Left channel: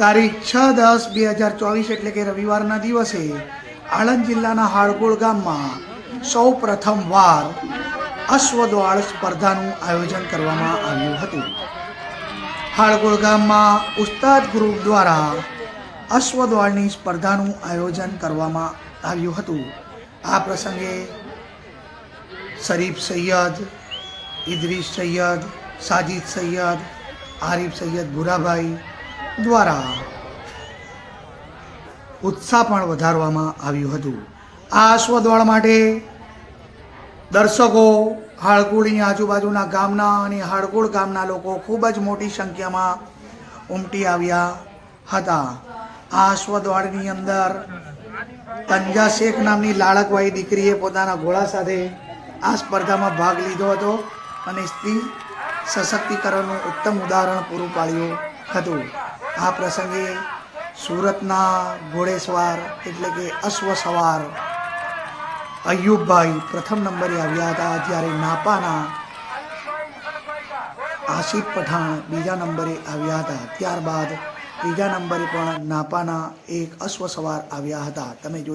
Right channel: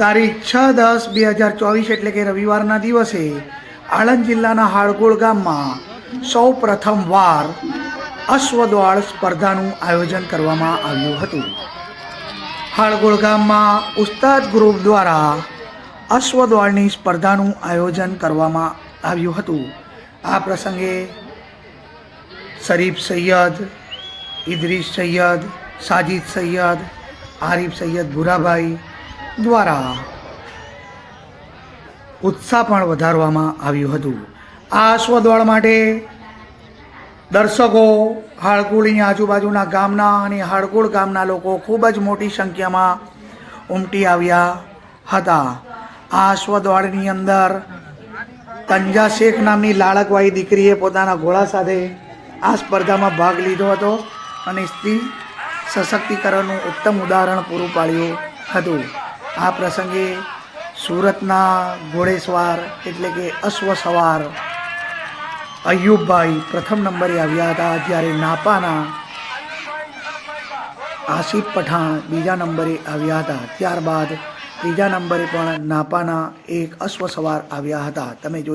તારીખ 6/10/2024 એટલે કે રવિવારના દિવસે આણંદ જિલ્લાના હાડગોળ ગામમાં સૌ પ્રથમવાર અશ્વદોળ સ્પર્ધાનું આયોજન કરવામાં આવ્યું હતું. હાડગોળ ગામમાં ઉસ્તાદ ગ્રુપ દ્વારા અશ્વદોળની સ્પર્ધાનું આયોજન કરવામાં આવ્યું હતું. આ પ્રસંગે શરીફ સૈયદ, ઇદ્રીસ સૈયદ, સાજિદ સૈયદ, આરિફ સૈયદ ભૂરાભાઈ દ્વારા ઉત્સાહ પણ વધારવામાં આવ્યું હતું. આ અશ્વદોળ માટે દર્શકો હાડગોળની આજુબાજુના ગામના અને હાડગોળ ગામના લોકો ખૂબ જ મોટી સંખ્યામાં ઉમટી આવ્યા હતા. આ અશ્વદોળની અંદર તંજા શેખ નામની લાડકવાળી દીકરીએ પોતાના ઘોડા સાથે આ સ્પર્ધામાં ભાગ લીધો હતો અને સ્ત્રી સશક્તિકરણનું ઉત્તમ ઉદાહરણ પૂરું પાડ્યું હતું. આ પ્રસંગે સુરતના ઘોડેસવાર એટલે કે અશ્વ સવાર અયુબભાઈ પ્રથમ નંબરે આવ્યા હતા, જ્યારે નાપાના આસિફ પઠાણ બીજા નંબરે આવ્યા હતા. ત્યારબાદ ત્રીજા નંબરે પણ નાપાના એક અશ્વ સવાર આવ્યા હતા. તમે જોઈ